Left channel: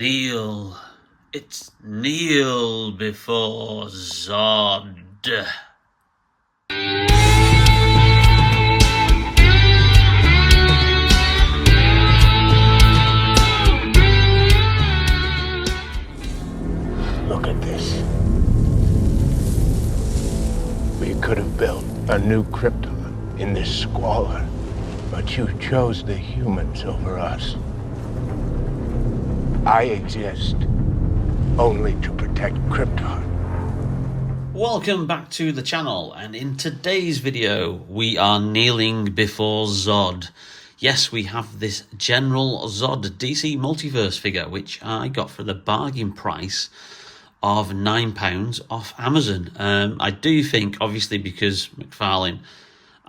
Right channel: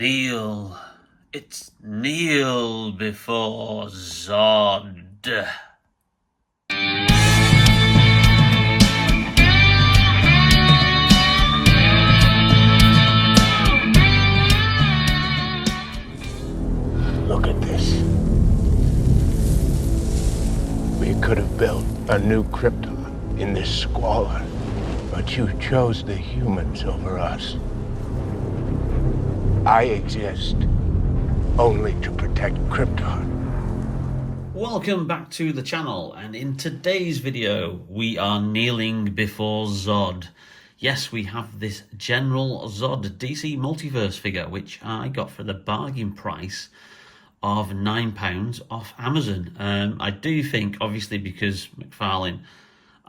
Kneel. It's kneel before Zod. Look at this. We could have built a new Krypton in this squalor, but you chose the humans over us. I exist only to protect Krypton. Welcome back to the channel, and in today's video we are kneeling before Zod. Yes, we have this General Zod DC Multiverse figure, which I got for the bargain price of £9 off Amazon. I do think, obviously, because McFarlane,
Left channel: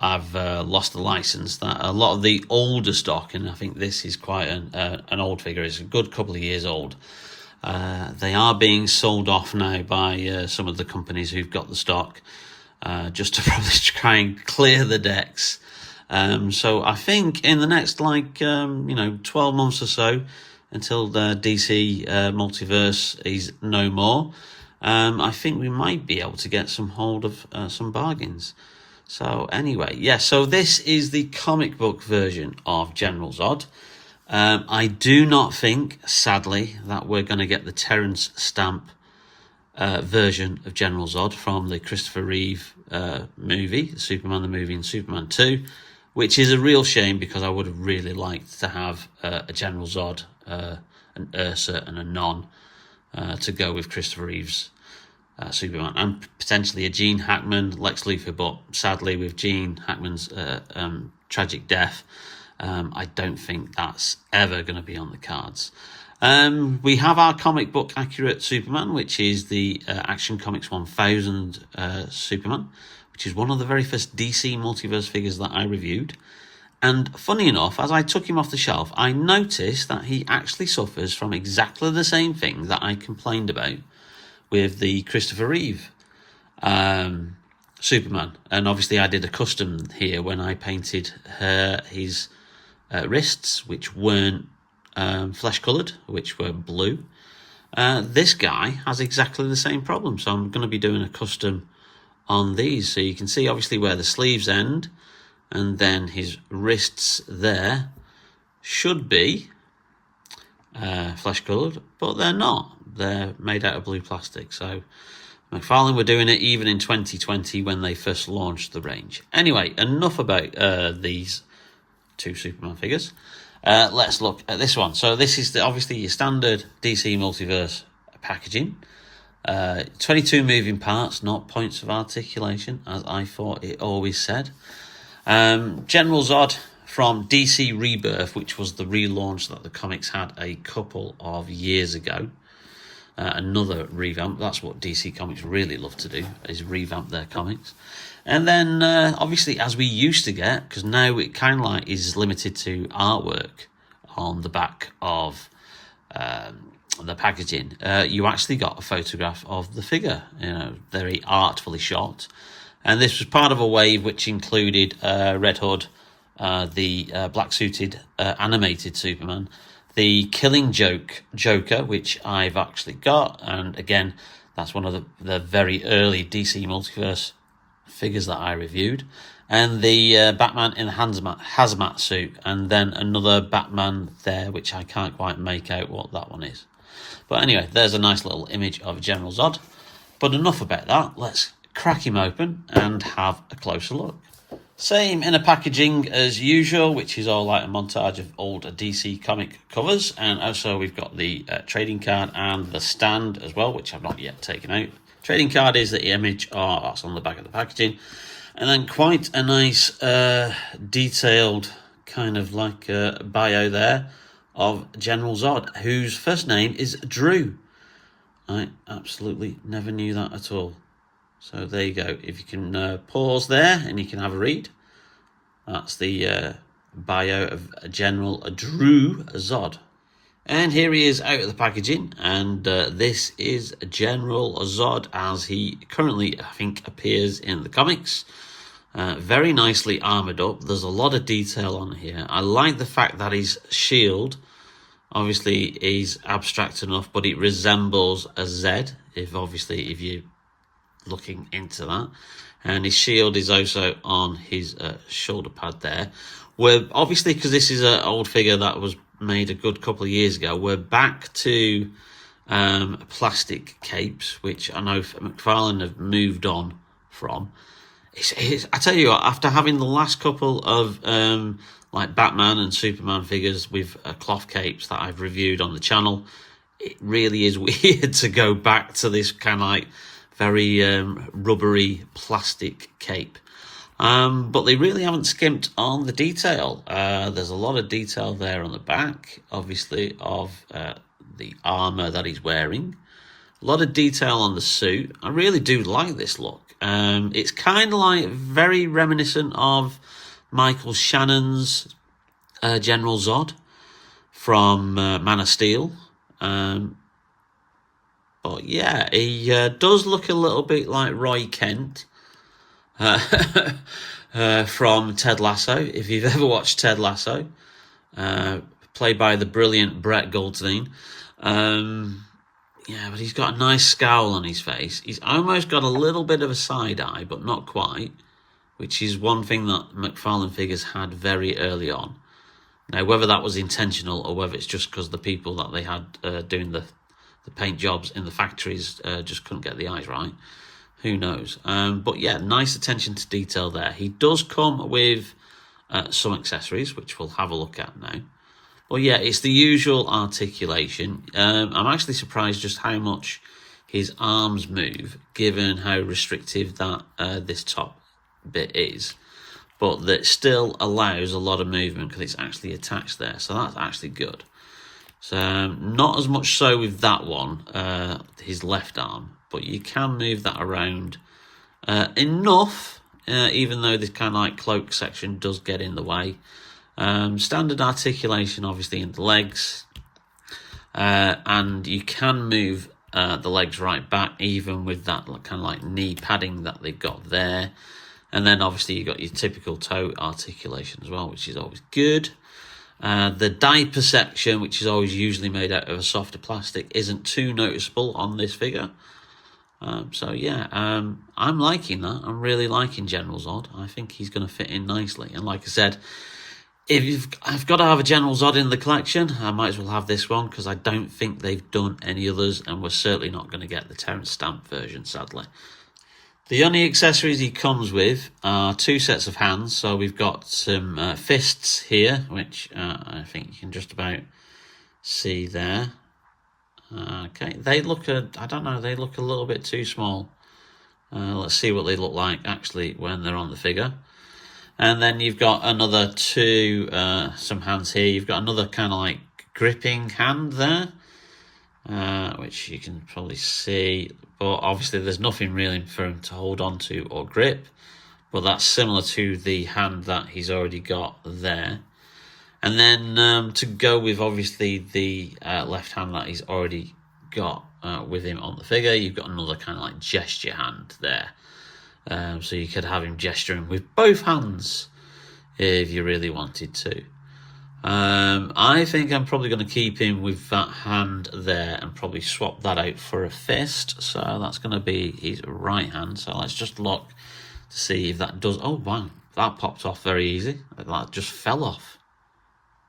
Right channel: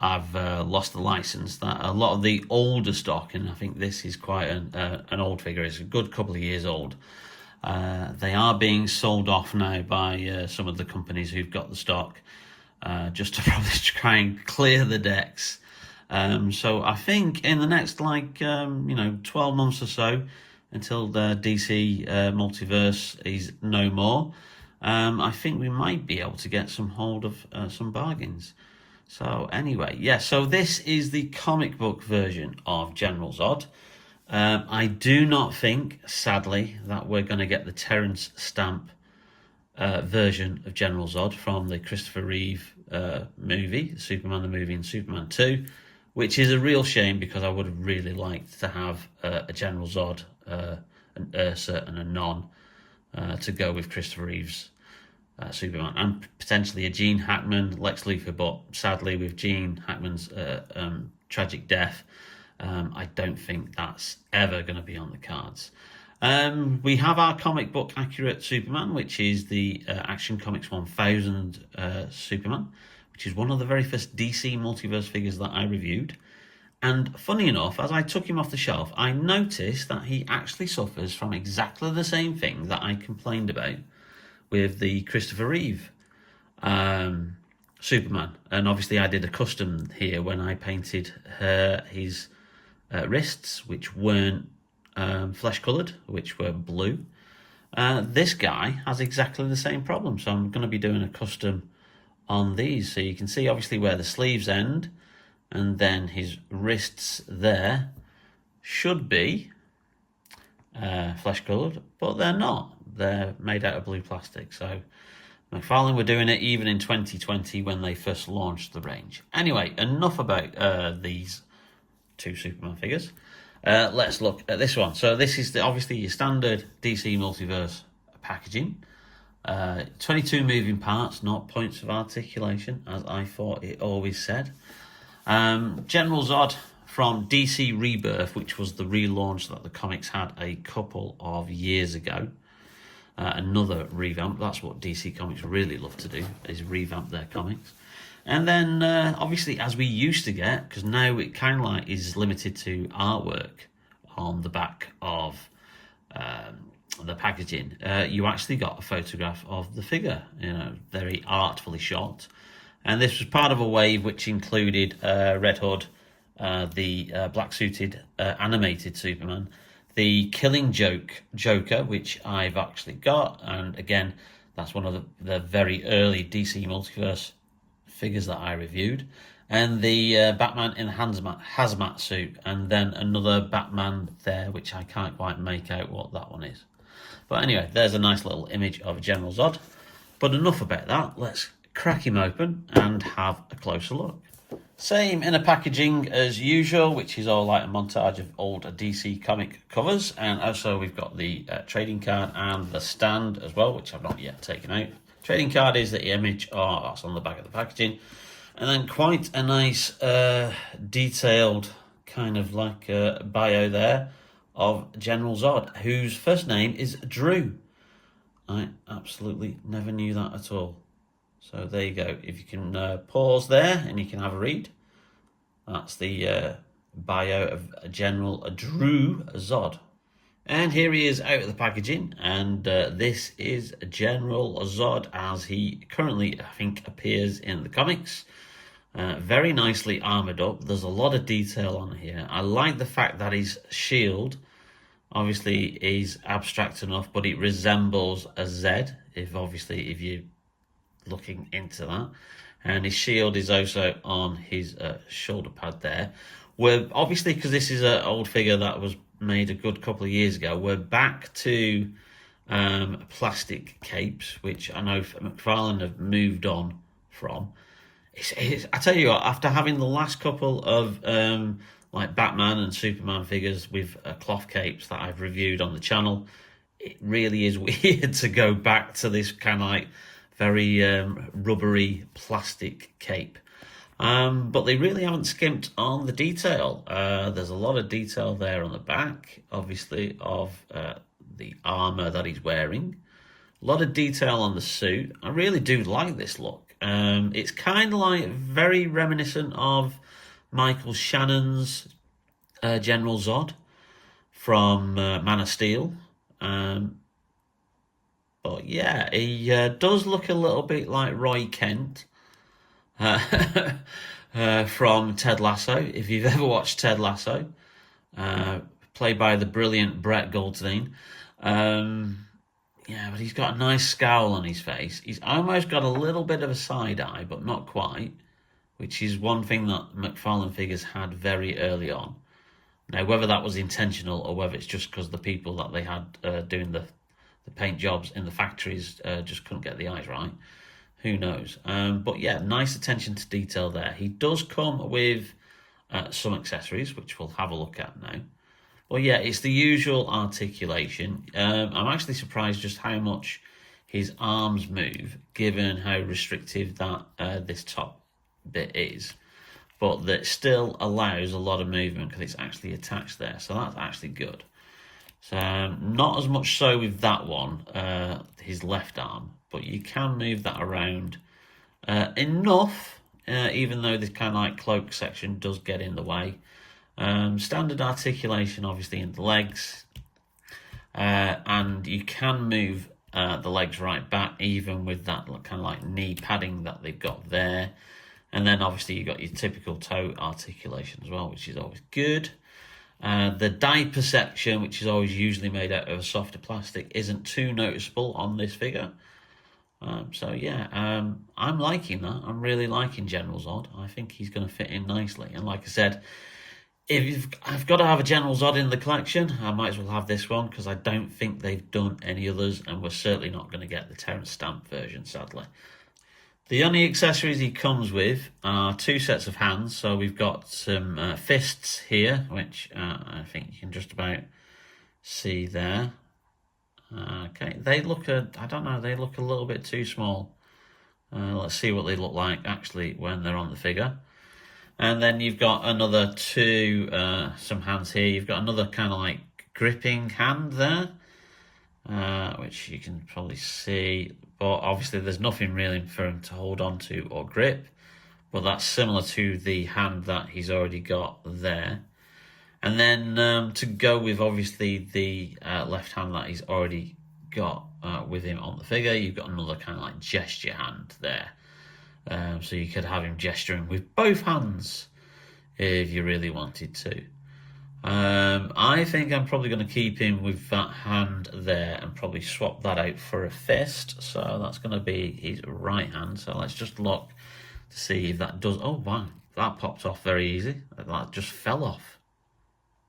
I've lost the license, that a lot of the older stock, and I think this is quite an old figure, it's a good couple of years old, they are being sold off now by some of the companies who've got the stock, just to probably try and clear the decks. So I think in the next 12 months or so, until the DC Multiverse is no more, I think we might be able to get some hold of some bargains. So anyway, yeah, so this is the comic book version of General Zod. I do not think, sadly, that we're going to get the Terrence Stamp version of General Zod from the Christopher Reeve movie, Superman the movie and Superman 2, which is a real shame because I would have really liked to have a General Zod, an Ursa and a Non to go with Christopher Reeve's Superman, and potentially a Gene Hackman Lex Luthor, but sadly with Gene Hackman's tragic death, I don't think that's ever going to be on the cards. We have our comic book accurate Superman, which is the Action Comics 1000 Superman, which is one of the very first DC Multiverse figures that I reviewed. And funny enough, as I took him off the shelf, I noticed that he actually suffers from exactly the same thing that I complained about with the Christopher Reeve Superman. And obviously I did a custom here when I painted his wrists, which weren't flesh coloured, which were blue. This guy has exactly the same problem, so I'm going to be doing a custom on these. So you can see obviously where the sleeves end, and then his wrists there should be flesh coloured, but they're not. They're made out of blue plastic. So McFarlane were doing it even in 2020 when they first launched the range. Anyway, enough about these two Superman figures. Let's look at this one. So this is obviously your standard DC Multiverse packaging. 22 moving parts, not points of articulation, as I thought it always said. General Zod from DC Rebirth, which was the relaunch that the comics had a couple of years ago. Another revamp. That's what DC Comics really love to do, is revamp their comics. And then obviously, as we used to get, because now it kind of like is limited to artwork on the back of the packaging, you actually got a photograph of the figure, very artfully shot. And this was part of a wave which included Red Hood, the black-suited animated Superman, the Killing Joker, which I've actually got, and again, that's one of the very early DC Multiverse figures that I reviewed, and the Batman in the hazmat suit, and then another Batman there, which I can't quite make out what that one is. But anyway, there's a nice little image of General Zod. But enough about that, let's crack him open and have a closer look. Same in a packaging as usual, which is all like a montage of old DC comic covers. And also we've got the trading card and the stand as well, which I've not yet taken out. Trading card is the image, that's on the back of the packaging. And then quite a nice detailed kind of like bio there of General Zod, whose first name is Drew. I absolutely never knew that at all. So there you go. If you can pause there and you can have a read. That's the bio of General Drew Zod. And here he is out of the packaging. And this is General Zod as he currently, I think, appears in the comics. Very nicely armoured up. There's a lot of detail on here. I like the fact that his shield Obviously, he's abstract enough, but it resembles a Z, if you're looking into that. And his shield is also on his shoulder pad there. We're obviously, because this is an old figure that was made a good couple of years ago, we're back to plastic capes, which I know McFarlane have moved on from. I tell you what, after having the last couple of like Batman and Superman figures with cloth capes that I've reviewed on the channel, it really is weird to go back to this kind of like very rubbery plastic cape. But they really haven't skimped on the detail. There's a lot of detail there on the back, obviously, of the armor that he's wearing. A lot of detail on the suit. I really do like this look. It's kind of like very reminiscent of Michael Shannon's General Zod from Man of Steel. But yeah, he does look a little bit like Roy Kent from Ted Lasso. If you've ever watched Ted Lasso, played by the brilliant Brett Goldstein. Yeah, but he's got a nice scowl on his face. He's almost got a little bit of a side eye, but not quite, which is one thing that McFarlane figures had very early on. Now, whether that was intentional or whether it's just because the people that they had doing the paint jobs in the factories just couldn't get the eyes right, who knows. But yeah, nice attention to detail there. He does come with some accessories, which we'll have a look at now. Well, yeah, it's the usual articulation. I'm actually surprised just how much his arms move, given how restrictive that this top bit is. But that still allows a lot of movement because it's actually attached there. So that's actually good. So not as much so with that one, his left arm. But you can move that around enough, even though this kind of like cloak section does get in the way. Standard articulation obviously in the legs, and you can move the legs right back even with that kind of like knee padding that they've got there. And then obviously you got your typical toe articulation as well, which is always good. The diaper section, which is always usually made out of a softer plastic, isn't too noticeable on this figure. So yeah, I'm liking that. I'm really liking General Zod. I think he's going to fit in nicely. And like I said, I've got to have a General Zod in the collection, I might as well have this one, because I don't think they've done any others, and we're certainly not going to get the Terrence Stamp version, sadly. The only accessories he comes with are 2 sets of hands. So we've got some fists here, which I think you can just about see there. Okay, they look I don't know, they look a little bit too small. Let's see what they look like actually when they're on the figure. And then you've got another 2, some hands here. You've got another kind of like gripping hand there, which you can probably see. But obviously there's nothing really for him to hold on to or grip. But that's similar to the hand that he's already got there. And then to go with obviously the left hand that he's already got with him on the figure, you've got another kind of like gesture hand there. So you could have him gesturing with both hands if you really wanted to. I think I'm probably going to keep him with that hand there and probably swap that out for a fist. So that's going to be his right hand. So let's just look to see if that does. Oh, wow. That popped off very easy. That just fell off.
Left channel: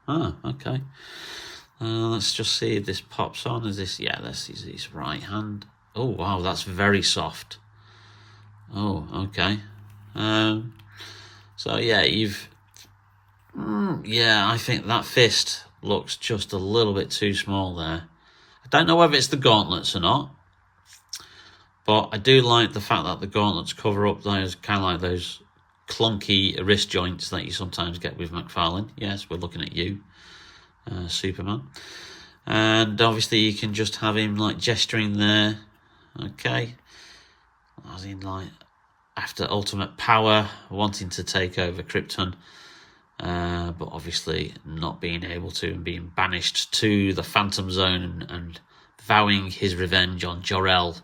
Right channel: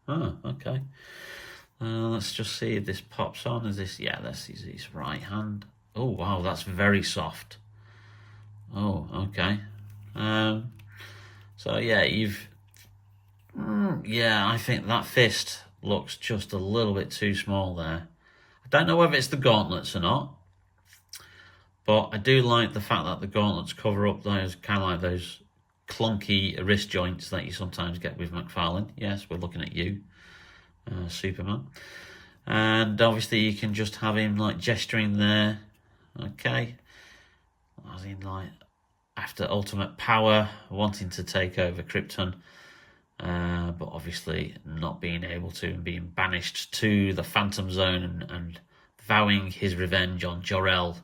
Oh, okay. Let's just see if this pops on. Is this? Yeah, this is his right hand. Oh, wow. That's very soft. Oh, okay. So yeah, yeah, I think that fist looks just a little bit too small there. I don't know whether it's the gauntlets or not, but I do like the fact that the gauntlets cover up those kind of like those clunky wrist joints that you sometimes get with McFarlane. Yes, we're looking at you, Superman. And obviously you can just have him like gesturing there. Okay. As in like after ultimate power, wanting to take over Krypton, but obviously not being able to and being banished to the Phantom Zone and vowing his revenge on Jor-El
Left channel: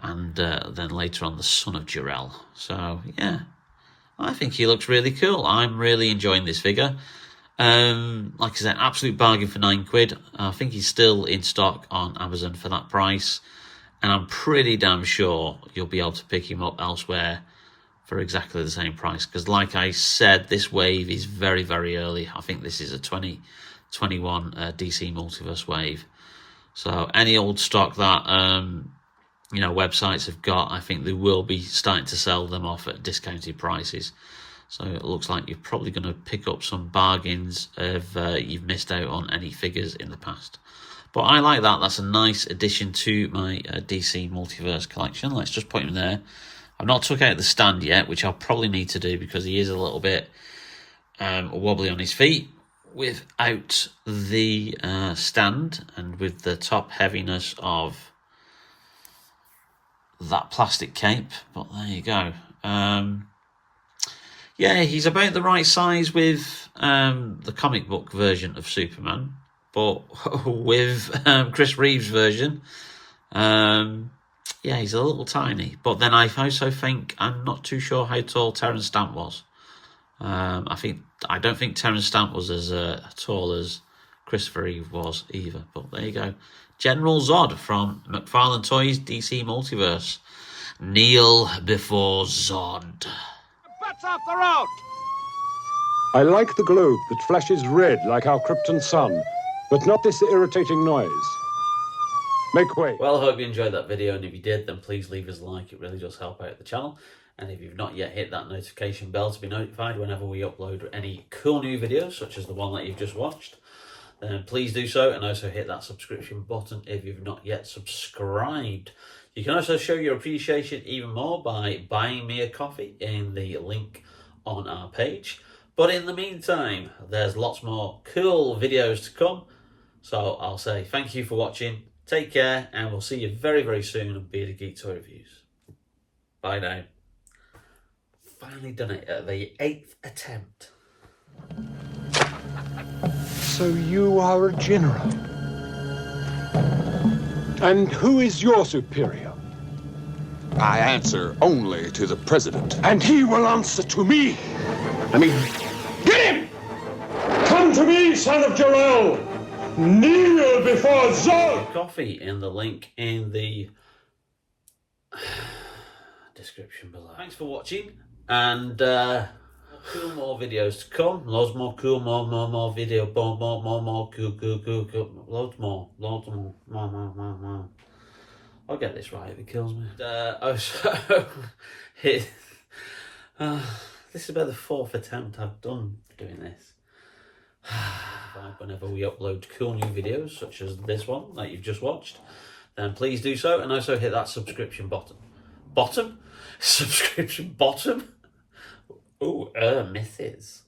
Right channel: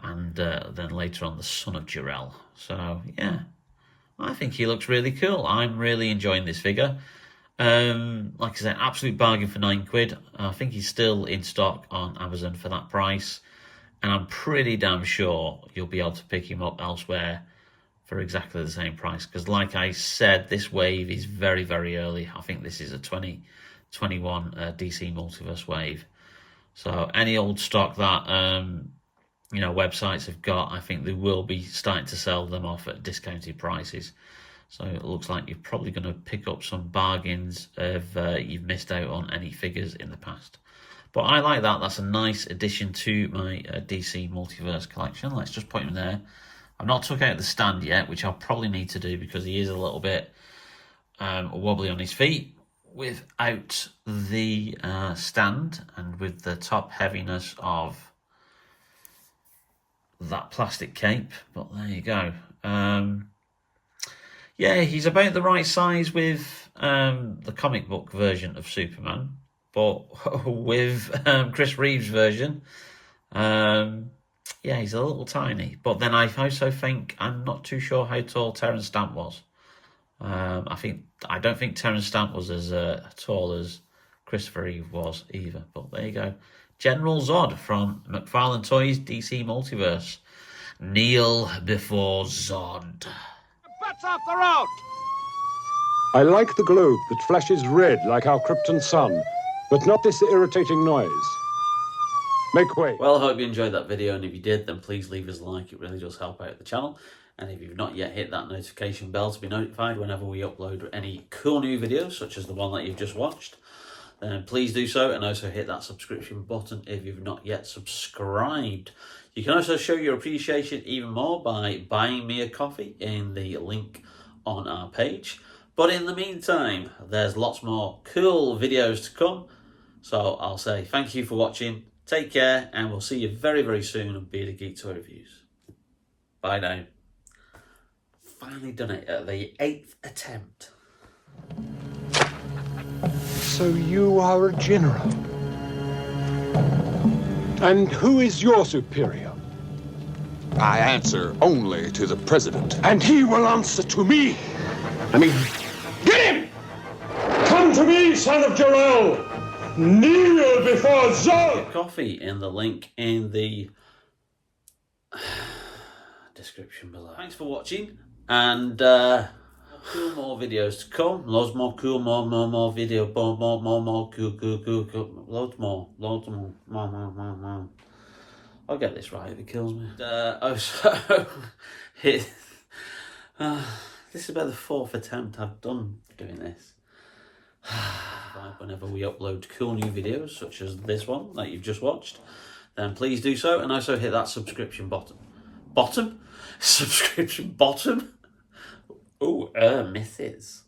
and then later on the son of Jor-El. So yeah, I think he looks really cool. I'm really enjoying this figure. Like I said, absolute bargain for £9. I think he's still in stock on Amazon for that price, and I'm pretty damn sure you'll be able to pick him up elsewhere for exactly the same price, because like I said, this wave is very, very early. I think this is a 2021 DC Multiverse wave. So any old stock that websites have got, I think they will be starting to sell them off at discounted prices. So it looks like you're probably going to pick up some bargains if you've missed out on any figures in the past. But I like that. That's a nice addition to my DC Multiverse collection. Let's just put him there. I've not took out the stand yet, which I'll probably need to do because he is a little bit wobbly on his feet without the stand and with the top heaviness of that plastic cape. But there you go. Yeah, he's about the right size with the comic book version of Superman, but with Chris Reeve's version, yeah, he's a little tiny. But then I also think, I'm not too sure how tall Terrence Stamp was. I don't think Terrence Stamp was as tall as Christopher Reeve was either. But there you go. General Zod from McFarlane Toys, DC Multiverse. Kneel before Zod. Butts off the road! I like the globe that flashes red like our Krypton sun, but not this irritating noise. Make way. Well, I hope you enjoyed that video, and if you did, then please leave us a like. It really does help out the channel. And if you've not yet hit that notification bell to be notified whenever we upload any cool new videos, such as the one that you've just watched, then please do so, and also hit that subscription button if you've not yet subscribed. You can also show your appreciation even more by buying me a coffee in the link on our page. But in the meantime, there's lots more cool videos to come. So I'll say thank you for watching, take care, and we'll see you very, very soon on Bearded Geek Toy Reviews. Bye now. Finally done it at the 8th attempt. So you are a general. And who is your superior? I answer only to the president. And he will answer to me. Get him! Come to me, son of Jor-El! Kneel before Zod! Coffee in the link in the description below. Thanks for watching, and cool more videos to come. Loads more cool, more video, more cool, loads more, more. I'll get this right if it kills me. Also, this is about the 4th attempt I've done doing this. Whenever we upload cool new videos, such as this one that you've just watched, then please do so, and also hit that subscription button. Subscription button? Ooh, misses.